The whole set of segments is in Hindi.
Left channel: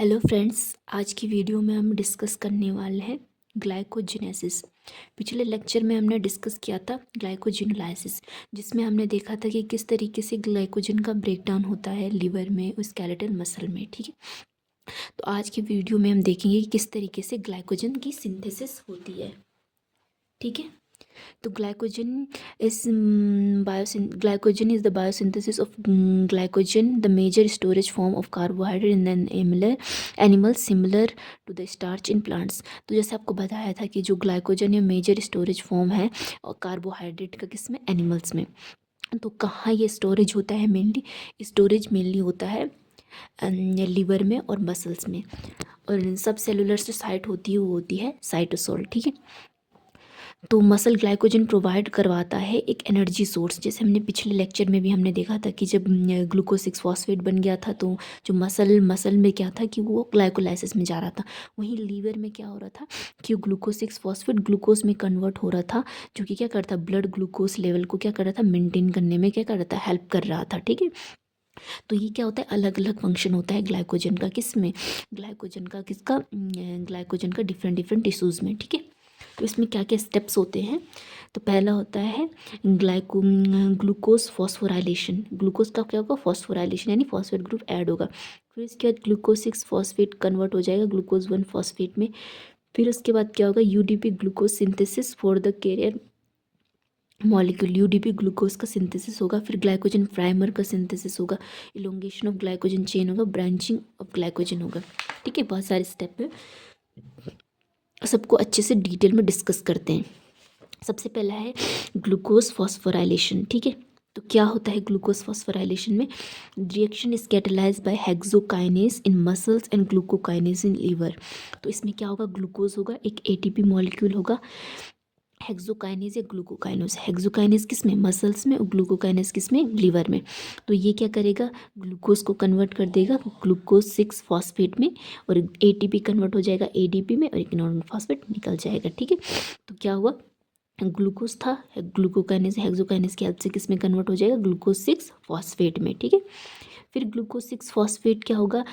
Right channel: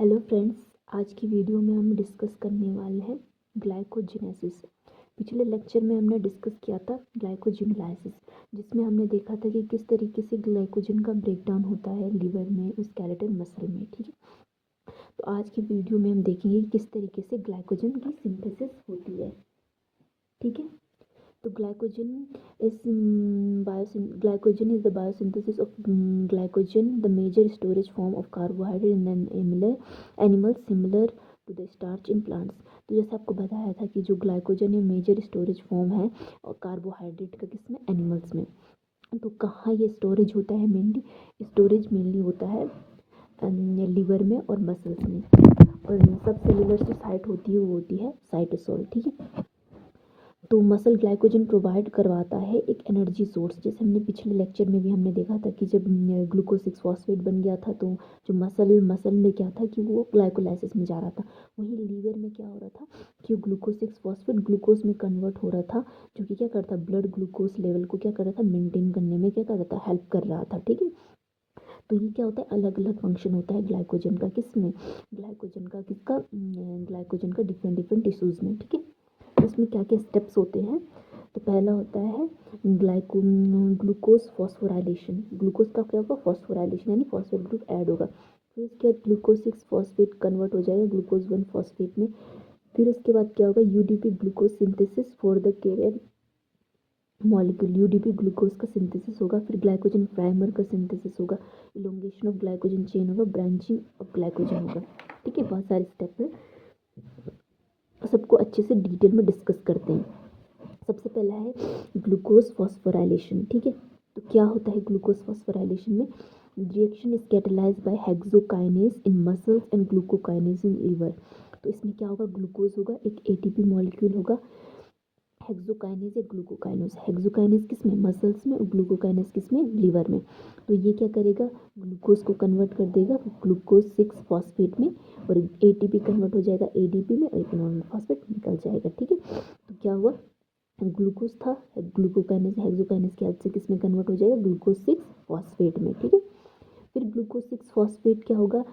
हेलो फ्रेंड्स, आज की वीडियो में हम डिस्कस करने वाले हैं ग्लाइकोजेनेसिस। पिछले लेक्चर में हमने डिस्कस किया था ग्लाइकोजिनोलाइसिस, जिसमें हमने देखा था कि किस तरीके से ग्लाइकोजन का ब्रेकडाउन होता है लिवर में और स्केलेटल मसल में। ठीक है, तो आज की वीडियो में हम देखेंगे कि किस तरीके से ग्लाइकोजन की सिंथेसिस होती है। ठीक है, तो glycogen is the biosynthesis of glycogen, the major storage form of carbohydrate in an animal similar to the starch in plants। तो जैसे आपको बताया था कि जो ग्लाइकोजन या मेजर स्टोरेज फॉर्म है और कार्बोहाइड्रेट का किसमें, एनिमल्स में। तो कहाँ ये स्टोरेज होता है? मेनली होता है लिवर में और मसल्स में। और सब सेलुलर जो साइट होती है वो होती है साइटोसोल। ठीक है, तो मसल ग्लाइकोजन प्रोवाइड करवाता है एक एनर्जी सोर्स। जैसे हमने पिछले लेक्चर में भी हमने देखा था कि जब ग्लूकोज 6 फॉस्फेट बन गया था तो जो मसल में क्या था कि वो ग्लाइकोलाइसिस में जा रहा था। वहीं लीवर में क्या हो रहा था कि ग्लूकोज 6 फॉस्फेट ग्लूकोज में कन्वर्ट हो रहा था, जो कि क्या करता, ब्लड ग्लूकोज लेवल को क्या कर रहा था, मेंटेन करने में क्या कर रहा था, हेल्प कर रहा था। ठीक है, तो ये क्या होता है, अलग अलग फंक्शन होता है ग्लाइकोजन का। किसमें? ग्लाइकोजन का डिफरेंट डिफरेंट टिश्यूज़ में। ठीक है, तो इसमें क्या क्या स्टेप्स होते हैं? तो पहला होता है ग्लूकोज फॉस्फोराइलेशन। ग्लूकोज का क्या होगा, फॉस्फोराइलेशन, यानी फॉस्फेट ग्रुप ऐड होगा। फिर इसके बाद ग्लूकोज 6 फॉस्फेट कन्वर्ट हो जाएगा ग्लूकोज 1 फॉस्फेट में। फिर उसके बाद क्या होगा, UDP glucose synthesis for the carrier molecule. UDP glucose का सिंथेसिस होगा। फिर ग्लाइकोजन प्राइमर का सिंथेसिस होगा, इलोंगेशन ऑफ ग्लाइकोजन चेन होगा, ब्रांचिंग ऑफ ग्लाइकोजन होगा। ठीक है, बहुत सारे स्टेप है, सबको अच्छे से डिटेल में डिस्कस करते हैं। सबसे पहला है ग्लूकोज फॉस्फोराइलेशन। ठीक है, तो क्या होता है ग्लूकोज फॉस्फोराइलेशन में? Reaction is catalysed by hexokinase in muscles and glucokinase in liver. तो इसमें क्या होगा, ग्लूकोज होगा, एक एटीपी मॉलिक्यूल होगा, हेक्सोकाइनेज या ग्लूकोकाइनेज। हेक्सोकाइनेज किस में, मसल्स में, और ग्लूकोकाइनेज किस में, लीवर में। तो ये क्या करेगा, ग्लूकोज को कन्वर्ट कर देगा ग्लूकोज 6 फॉस्फेट में, और एटीपी कन्वर्ट हो जाएगा एडीपी में, और एक नॉर्मल फॉस्फेट निकल जाएगा। ठीक है, तो क्या हुआ, ग्लूकोज था, ग्लूकोकाइनेज हेक्सोकाइनेज की हेल्प से किस में कन्वर्ट हो जाएगा, ग्लूकोज 6 फॉस्फेट में। ठीक है, फिर ग्लूकोज 6 फॉस्फेट क्या होगा,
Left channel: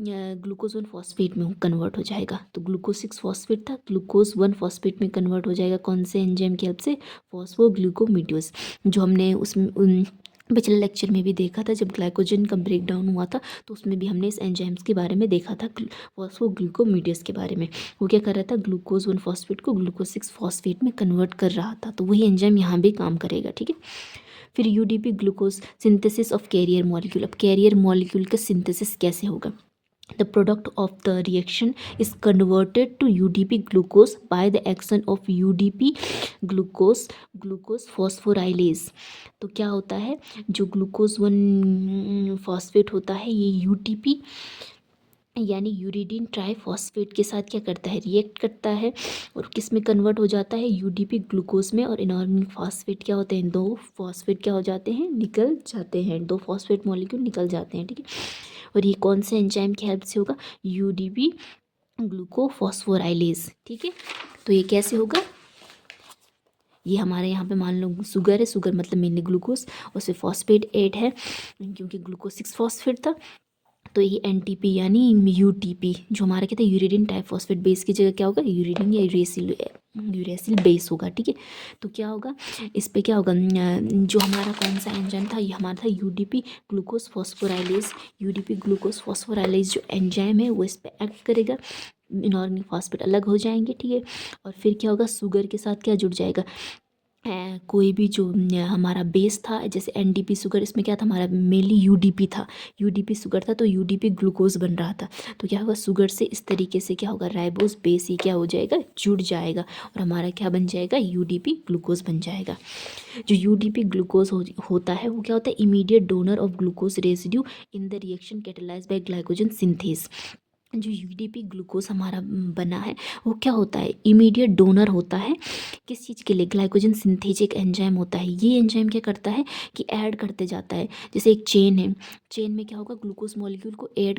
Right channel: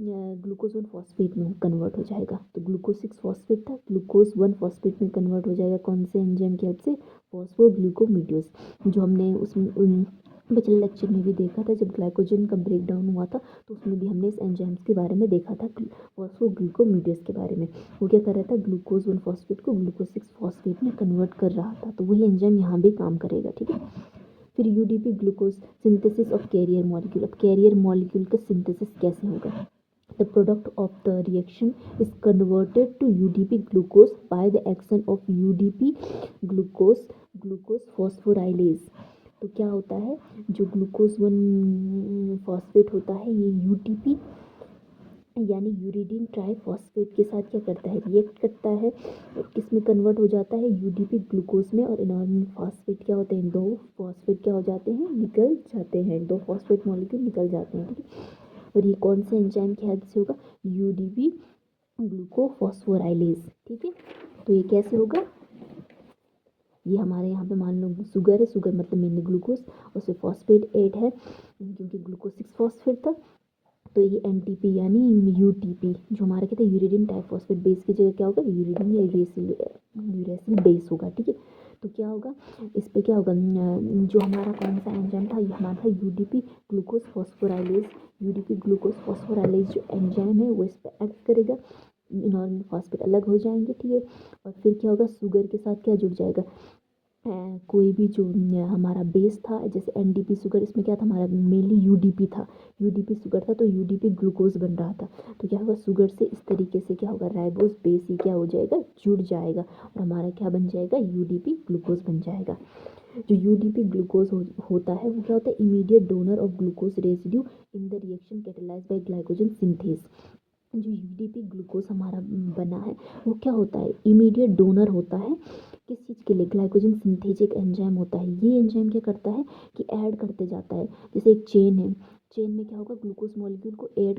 ग्लूकोज 1 फॉस्फेट में कन्वर्ट हो जाएगा। तो ग्लूकोज 6 फॉस्फेट था, ग्लूकोज 1 फॉस्फेट में कन्वर्ट हो जाएगा। कौन से एंजाइम की हेल्प से, फॉस्फोग्लूकोमीडियस, जो हमने उसमें पिछले लेक्चर में भी देखा था। जब ग्लाइकोजन का ब्रेक डाउन हुआ था तो उसमें भी हमने इस एंजाइम्स के बारे में देखा था, फॉस्फोग्लूकोमीडियस के बारे में। वो क्या कर रहा था, ग्लूकोज 1 फॉस्फेट को ग्लूकोज 6 फॉस्फेट में कन्वर्ट कर रहा था। तो वही एंजाइम यहाँ भी काम करेगा। ठीक है, फिर UDP glucose synthesis of carrier molecule. अब कैरियर मॉलिक्यूल का सिंथेसिस कैसे होगा? The product of the reaction is converted to UDP glucose by the action of UDP glucose phosphorylase। तो क्या होता है, जो ग्लूकोज 1 फॉस्फेट होता है ये यूटीपी यानी यूरिडीन ट्राईफॉस्फेट के साथ क्या करता है, रिएक्ट करता है, और किस में कन्वर्ट हो जाता है, यूडीपी ग्लूकोज में। और इनऑर्गेनिक फॉस्फेट क्या होते हैं, 2 फॉस्फेट क्या हो जाते हैं, निकल जाते हैं, 2 फॉस्फेट मॉलिक्यूल निकल जाते हैं। ठीक है, और ये कौन से एंजाइम की हेल्प से होगा, यूडीपी ग्लूकोफॉस्फोराइलेज। ठीक है, तो ये कैसे होगा, ये हमारे यहाँ पे मान लो शुगर है, शुगर मतलब मेनली ग्लूकोज, उससे फॉस्फेट 8 है क्योंकि ग्लूकोज 6 फॉस्फेट था। तो ये एनटीपी यानी यूटीपी, जो हमारा क्या था, यूरिडिन टाइफॉस्फेट बेस की जगह क्या होगा, यूरिडिन या यूरेसिल बेस होगा। ठीक है, तो क्या होगा, इस पे क्या होगा, जो हमारा कौन सा एंजाइम था, ये हमारा था UDP glucose phosphorylase. UDP glucose phosphorylase जो एंजाइम है वो इस पे एक्ट करेगा, इनऑर्गेनिक फॉस्फेट अलग हो जाएंगे। ठीक है, और फिर क्या होगा, शुगर के साथ क्या जुड़ जाएगा, कोई भी जो हमारा बेस था, जैसे एनडीपी शुगर, इसमें क्या था, हमारा मेनली यूडीपी था, यूडीपी शुगर था, तो यूडीपी ग्लूकोज बन रहा था। तो क्या होगा, शुगर से इस तरीके से क्या होगा, राइबोस बेस ही क्या हो जाएगा, जुड़ जाएगा, और हमारा क्या बन जाएगा, यूडीपी ग्लूकोज बन जाएगा। जो यूडीपी ग्लूकोज होता है वो क्या होता है, immediate donor of glucose residue in the reaction catalysed by glycogen synthase. जो यूडीपी ग्लूकोज हमारा बना है वो क्या होता है, इमीडिएट डोनर होता है, किस चीज़ के लिए, ग्लाइकोजन सिंथेज एक एंजाइम होता है। ये एंजाइम क्या करता है कि ऐड करते जाता है, जैसे एक चेन है, चेन में क्या होगा, ग्लूकोज मॉलिक्यूल को ऐड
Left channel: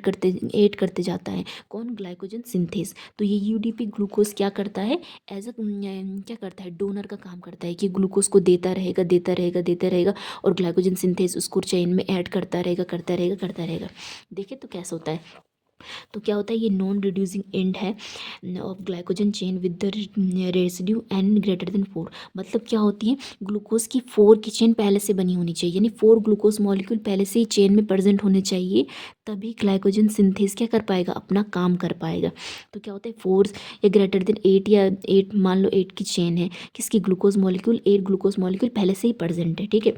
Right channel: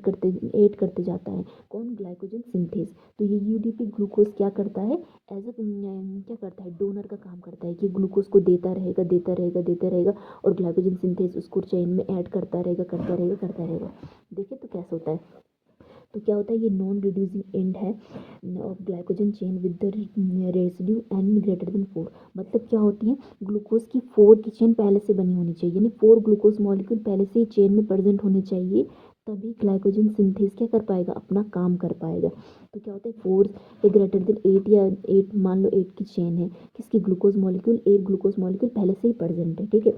करते जाता है, कौन, ग्लाइकोजन सिंथेज। तो ये यूडीपी ग्लूकोज क्या करता है, एज अ क्या करता है, डोनर का काम करता है, कि ग्लूकोज को देता रहेगा देता रहेगा देता रहेगा, और ग्लाइकोजन सिंथेज उसको चेन में ऐड करता रहेगा करता रहेगा करता रहेगा। देखिए तो कैसा होता है, तो क्या होता है, ये नॉन रिड्यूसिंग एंड है of glycogen chain with the residue n greater than 4। मतलब क्या होती है, ग्लूकोज की 4 की चेन पहले से बनी होनी चाहिए, यानी 4 ग्लूकोज मॉलिक्यूल पहले से ही चेन में प्रेजेंट होने चाहिए, तभी ग्लाइकोजन सिंथेस क्या कर पाएगा, अपना काम कर पाएगा। तो क्या होता है, 4 या ग्रेटर देन 8 या 8, मान लो 8 की चेन है, किसकी, ग्लूकोज मॉलिक्यूल, 8 ग्लूकोज मॉलिक्यूल पहले से ही प्रेजेंट है, ठीक है।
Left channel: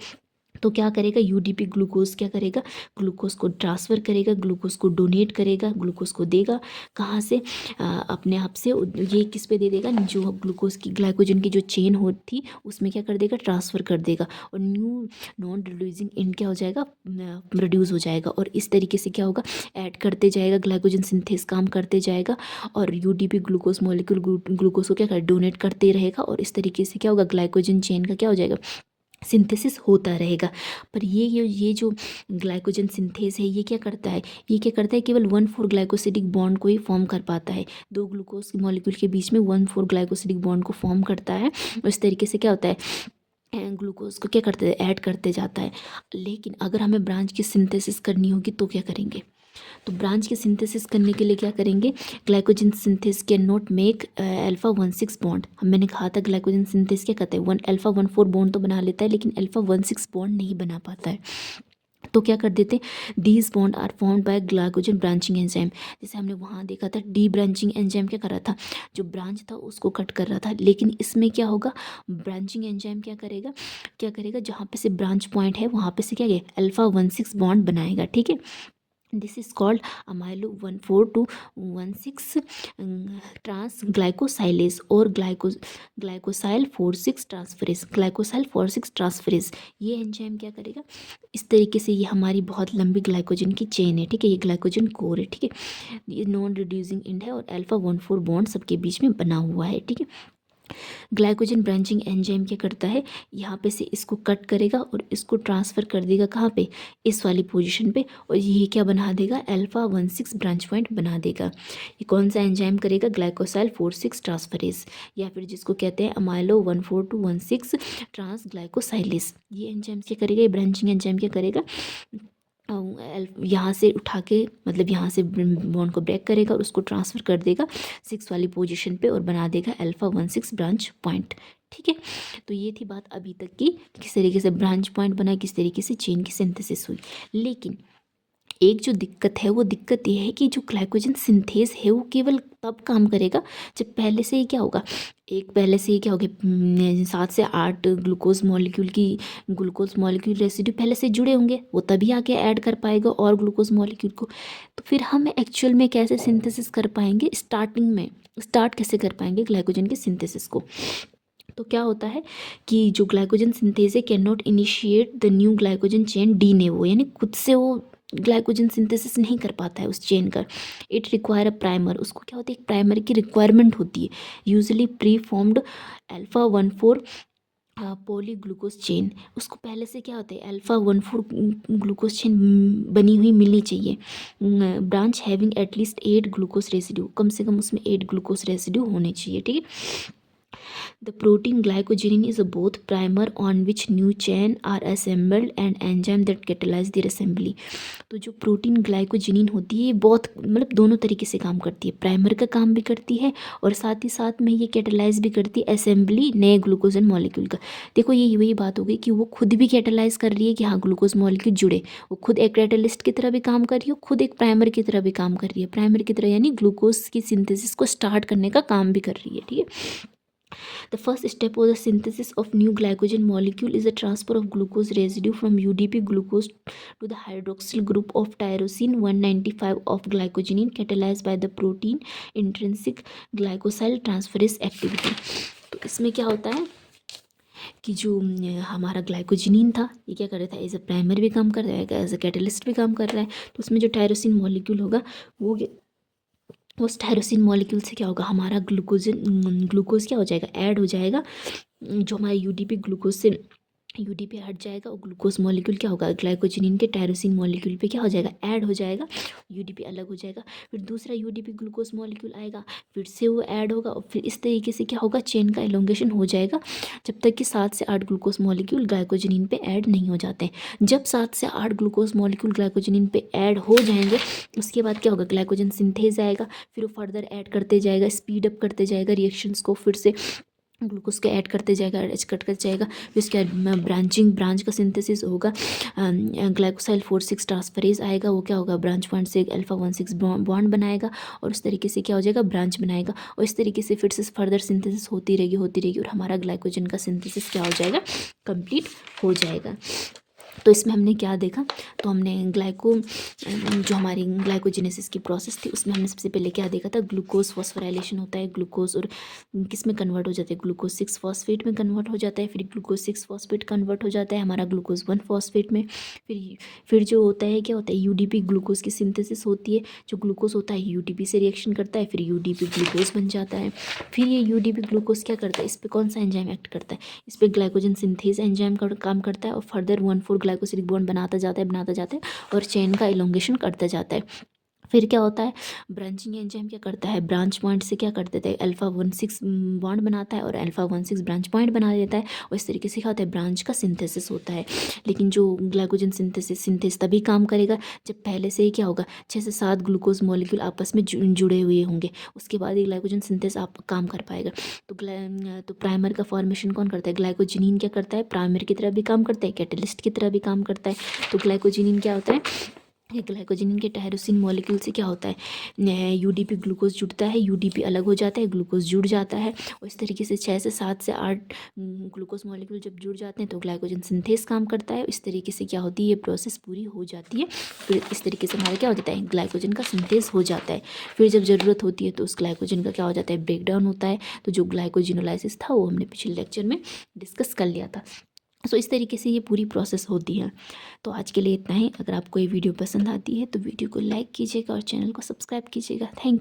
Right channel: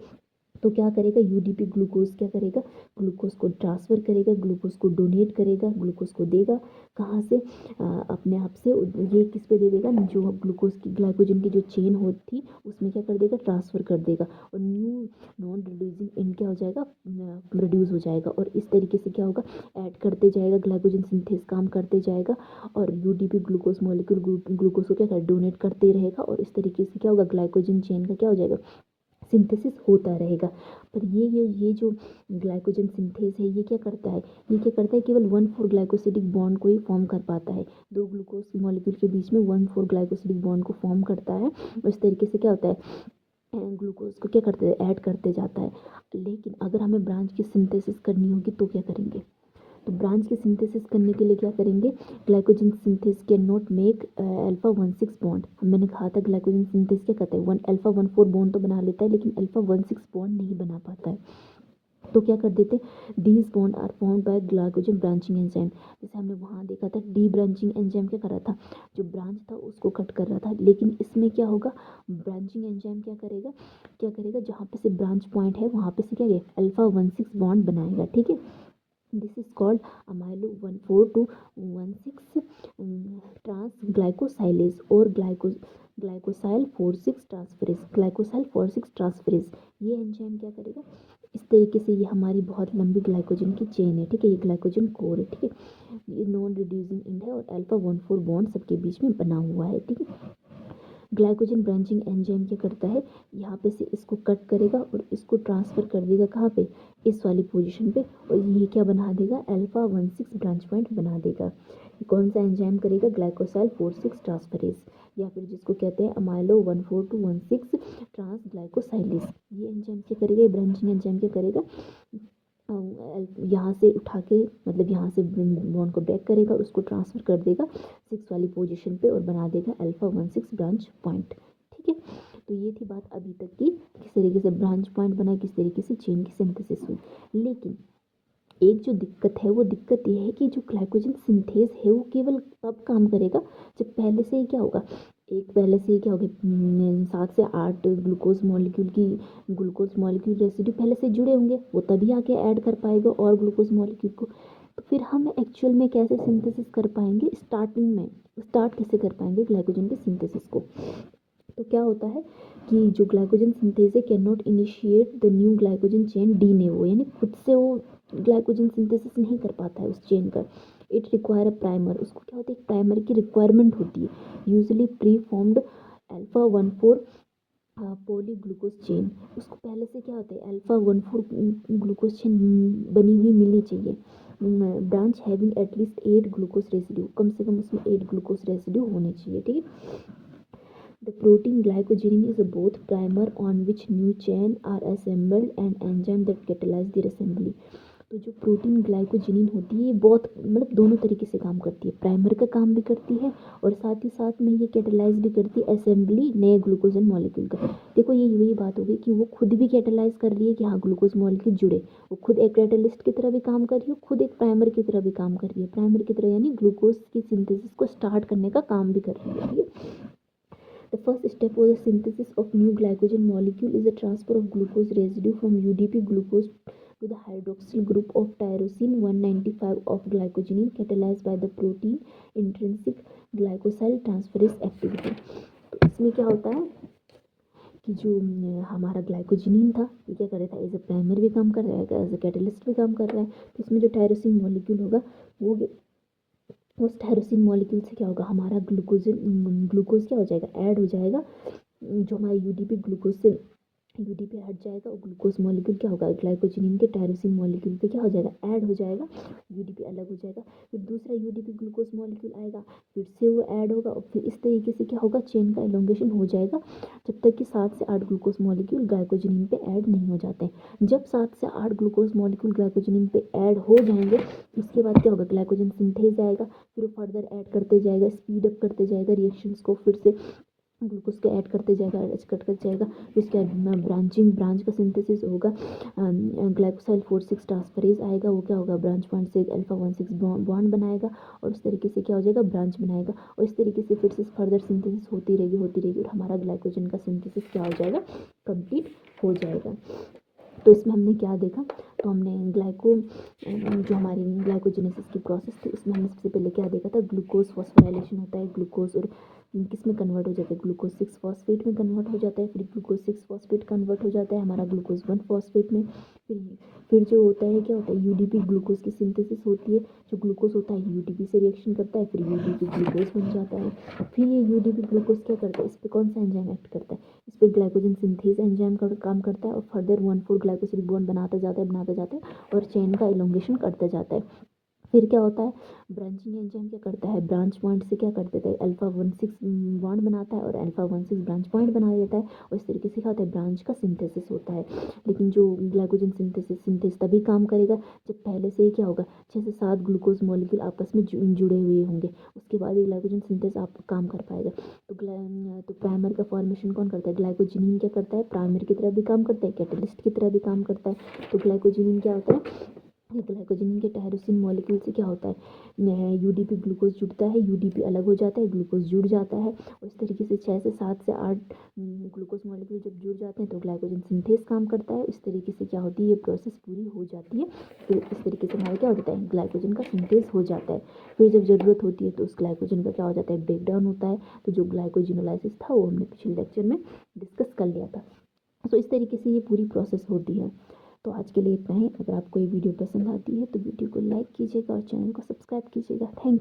तो क्या करेगा, यूडीपी ग्लूकोज क्या करेगा, ग्लूकोज को ट्रांसफ़र करेगा, ग्लूकोज को डोनेट करेगा, ग्लूकोज को देगा कहाँ से, अपने आप से। ये किस पे दे देगा, जो ग्लूकोज की ग्लाइकोजन की जो चेन होती थी उसमें क्या कर देगा, ट्रांसफ़र कर देगा, और न्यू नॉन रिड्यूसिंग एंड क्या हो जाएगा, प्रोड्यूस हो जाएगा। और इस तरीके से क्या होगा, ऐड करते जाएगा, ग्लाइकोजन सिंथेस काम करते जाएगा, और यूडीपी ग्लूकोज मॉलिक्यूल ग्लूकोज को क्या कर डोनेट करते रहेगा, और इस तरीके से क्या होगा, ग्लाइकोजन चेन का क्या हो जाएगा, सिंथेसिस होता रहेगा। पर ये जो ग्लाइकोजन सिंथेस है, ये क्या करता है, ये क्या करता है, केवल 1,4 ग्लाइकोसिडिक बॉन्ड को ही फॉर्म कर पाता है। 2 ग्लूकोज मॉलिक्यूल के बीच में 1,4 ग्लाइकोसिडिक बॉन्ड को फॉर्म करता है, और इस तरीके से क्या होता है, ग्लूकोज को क्या करते हैं, ऐड करते जाता है। लेकिन अगर हमें ब्रांच की सिंथेसिस करनी होगी तो क्या करेंगे, तो ब्रांच की सिंथेसिस करने के लिए क्या करेंगे, glycogen synthase can not make alpha 1,6 bond. मैंने कहा था ग्लाइकोजन सिंथेस क्या कहते हैं, अल्फा 1,4 बॉन्ड तो बना लेता है, लेकिन अल्फा 1,6 बॉन्ड नहीं बना पाता है। तो क्या कर देते, these bond are formed by glycogen branching enzyme. जैसे हमने वहाँ देखा था, डी ब्रांचिंग एंजाइम क्या कर रहा था, जो ब्रांच था उसको कट कर रहा था, लेकिन इसमें क्या होगा, ब्रांचिंग एंजाइम क्या करेगा, जहाँ पे से ब्रांच पॉइंट है वहाँ पे से क्या है, अल्फा 1,6 बॉन्ड बनाएगा, ठीक है। This is called amylo 1,4 to 1,6 trans glycosylase और ग्लाइकोसाइल 4,6 ट्रांसफरेज, ग्लाइकोसाइल 4,6 ट्रांसफरेज। ये एंजाइम क्या करेगा, इस तरीके से, ये हमारी बहुत लंबी ग्लाइकोजन की चेन है, ठीक है, ये ग्लाइकोजन कोर है, ठीक है, ये नॉन रिड्यूसिंग एंड है, और अल्फा 1,4 बॉन्ड सबके बीच में बना हुआ है, ठीक है। ग्लाइकोजन ब्रांचिंग एंजाइम क्या करता है, यहाँ पे से इसको कट करेगा और इसको ट्रांसफ़र कर देगा कहाँ पे, इस वाली पोजीशन पे, और ये क्या बना देगा, अल्फा 1,6 ब्रांच पॉइंट बना देगा। ये कौन सा एंजाइम करेगा, ग्लाइकोसाइल 4,6 ट्रांसफरेज, या फिर जिसको कहते हैं अमाइलो 1,4 to 1,6 ट्रांस ग्लाइकोसाइलेज। ये एंजाइम क्या करेगा, ये ब्रांचिंग एंजाइम क्या करेगा, यहाँ से उठा के, मतलब यहाँ से बॉन्ड को ब्रेक करेगा और उसको ट्रांसफ़र कर देगा 6 वाली पोजीशन पे, और बना देगा अल्फा 1,6 ब्रांच पॉइंट, ठीक है। तो ये थी बात अभी तक की, किस तरीके से ब्रांच पॉइंट बना, किस तरीके से चेन की सिंथेसिस हुई। लेकिन एक जो दिक्कत है, वो दिक्कत ये है कि जो ग्लाइकोजन सिंथेस है वो केवल तब काम करेगा जब पहले से ही क्या होगा, पहले से ही क्या होगा, 7 से 8 ग्लूकोज मॉलिक्यूल रेसिड्यू पहले से जुड़े होंगे, वो तभी आके ऐड कर पाएगा और ग्लूकोज मॉलिक्यूल को। तो फिर हम एक्चुअल में कैसे सिंथेसिस कर पाएंगे, स्टार्ट कैसे कर पाएंगे ग्लाइकोजन के सिंथेसिस को। तो क्या होता है कि जो ग्लाइकोजन सिंथेस है, cannot initiate the new glycogen chain de novo, यानी खुद से वो ग्लाइकोजन सिंथेसिस नहीं कर पाता है उस चेन का। इट रिक्वायर अ प्राइमर, उसको क्या होती है, एक प्राइमर की रिक्वायरमेंट होती है, usually pre formed alpha 1,4 polyglucose chain. उसको पहले से क्या होता है, अल्फा 1,4 ग्लूकोज चेन बनी हुई मिलनी चाहिए, branch having at least 8 glucose residue, कम से कम उसमें 8 ग्लूकोज रेसिड्यू होने चाहिए, ठीक है। The protein glycogenin is both primer on which new chain are assembled and enzyme that catalyze their assembly। तो जो प्रोटीन ग्लाइकोजिनिन होती है, ये बहुत मतलब दोनों तरीके से काम करती है, प्राइमर का काम भी करती है और साथ ही साथ में ये कैटेलाइज भी करती है असेंबली नए ग्लूकोजन मॉलिक्यूल का। देखो ये वही बात हो गई कि वो खुद भी कैटेलाइज कर रही है कि हाँ ग्लूकोज मॉलिक्यूल जुड़े, वो खुद एक कैटेलिस्ट की तरह भी काम कर रही है, खुद एक प्राइमर की तरह भी काम कर रही है, प्राइमर की तरह यानी ग्लूकोज की सिंथेसिस को स्टार्ट करने का काम भी कर रही है, ठीक है। The first step of the synthesis of new glycogen molecule is the transfer of glucose residue from UDP glucose to the hydroxyl group of tyrosine 195 of glycogenin catalyzed by the protein intrinsic glycosyl transferase activity। तो इसमें क्या होता है कि जो हमारा ग्लाइकोजिनिन था, ये क्या कर रहा था, एज अ प्राइमर भी काम कर रहा है, एज अ कैटलिस्ट भी काम कर रहा है। तो उसमें जो टायरोसिन मॉलिक्यूल होगा वो उस टायरोसिन मॉलिक्यूल से क्या होगा, हमारा ग्लूकोज क्या हो जाएगा, ऐड हो जाएगा, जो हमारे यूडीपी ग्लूकोज से यूडीपी हट जाएगा और ग्लूकोज मॉलिक्यूल क्या होगा, ग्लाइकोजिनिन के टायरोसिन मॉलिक्यूल पे क्या हो जाएगा, ऐड हो जाएगा, यूडीपी अलग हो जाएगा। फिर दूसरा यूडीपी ग्लूकोज मॉलिक्यूल आएगा, फिर से वो ऐड होगा और फिर इस तरीके से क्या होगा, चेन का एलोंगेशन हो जाएगा जब तक कि 7 से 8 ग्लूकोज मॉलिक्यूल ग्लाइकोजिनिन पे ऐड नहीं हो जाते। जब 7 से 8 ग्लूकोज मॉलिक्यूल ग्लाइकोजिनिन पे ऐड हो जाएंगे उसके बाद क्या होगा, ग्लाइकोजन सिंथेज आएगा, फिर वो फर्दर ऐड करते जाएगा, स्पीड अप करते जाएगा रिएक्शंस को, फिर से ग्लूकोज के ऐड करते जाएगा, एच कट कर जाएगा, फिर उसके बाद ब्रांच का सिंथेसिस होगा, ग्लाइकोसाइल 4,6 ट्रांसफरेज आएगा, वो क्या होगा, ब्रांच पॉइंट से अल्फा 1,6 बॉन्ड बनाएगा और उस तरीके से क्या हो जाएगा, ब्रांच बनाएगा और इस तरीके से फिर से फर्दर सिंथेसिस होती रहेगी और हमारा ग्लाइकोजन का सिंथेसिस क्या हो जाएगा, कंप्लीट हो जाएगा। तो इसमें हमने क्या देखा, तो हमने जो हमारी ग्लाइकोजेनेसिस की प्रोसेस थी उसमें हमने सबसे पहले क्या देखा था, ग्लूकोज फॉस्फोराइलेशन होता है, ग्लूकोज और किस में कन्वर्ट हो जाता है, ग्लूकोज 6 फॉस्फेट में कन्वर्ट हो जाता है, फिर ग्लूकोज 6 फॉस्फेट कन्वर्ट हो जाता है हमारा ग्लूकोज 1 फॉस्फेट में। फिर जो होता है क्या होता है, यूडीपी ग्लूकोज की सिंथेसिस होती है, जो ग्लूकोज होता है यूडीपी से रिएक्शन करता है, फिर यूडीपी ग्लूकोज बन जाता है। फिर ये यूडीपी ग्लूकोज क्या करता है, इस पर कौन सा एंजाइम एक्ट करता है, इस पर ग्लाइकोजन सिंथेज एंजाइम का काम करता है और फर्दर 1,4 ग्लाइकोसिलिक बॉन्ड बनाता जाता है और चेन का इलोंगेशन करता जाता है। फिर क्या होता है, ब्रांचिंग एंजाइम क्या करता है, ब्रांच पॉइंट से क्या कर देता है, अल्फा 1,6 बॉन्ड बनाता है और अल्फा 1,6 ब्रांच पॉइंट बना देता है और इस तरीके से क्या होता है, ब्रांच का सिंथेसिस होता है। लेकिन जो ग्लाइकोजन सिंथेसिस तभी काम करेगा जब पहले से ही क्या होगा, 6 से 7 ग्लूकोज मॉलिक्यूल आपस में जुड़े हुए होंगे, उसके बाद ये ग्लाइकोजन सिंथेसिस आप काम कर पाएगा। तो प्राइमर का फॉर्मेशन कौन करता है, ग्लाइकोजिनिन क्या करता है, प्राइमर की तरह भी काम करता है, कैटलिस्ट की तरह भी काम करता है। तो ग्लाइकोजिनिन क्या होता है, ये ग्लाइकोजिनिन के टायरोसिन मॉलिक्यूल से क्या होता है, यूडीपी ग्लूकोज जुड़ता है, यूडीपी अलग हो जाता है, ग्लूकोज जुड़ जाता है और इस तरीके से 6 से 7 से 8 ग्लूकोज मॉलिक्यूल जब जुड़ जाते हैं तो ग्लाइकोजन सिंथेस काम करता है। इस तरीके से क्या होती है, ये प्रोसेस पूरी हो जाती है। फिर इस तरीके से हमारा क्या हो जाता है, ग्लाइकोजन का सिंथेस हो जाता है। फिर जब ज़रूरत होती है तो उस ग्लाइकोजन का क्या हो जाता है, ब्रेक डाउन होता है। तो जो ग्लाइकोजिनोलाइसिस था वो हमने पिछले लेक्चर में डिस्कस कर लिया था। सो इस तरीके से ये पूरी प्रोसेस होती है। तो आज के लिए इतना ही। अगर आपको ये वीडियो पसंद आती है तो वीडियो को लाइक कीजिएगा और चैनल को सब्सक्राइब कीजिएगा। Thank you.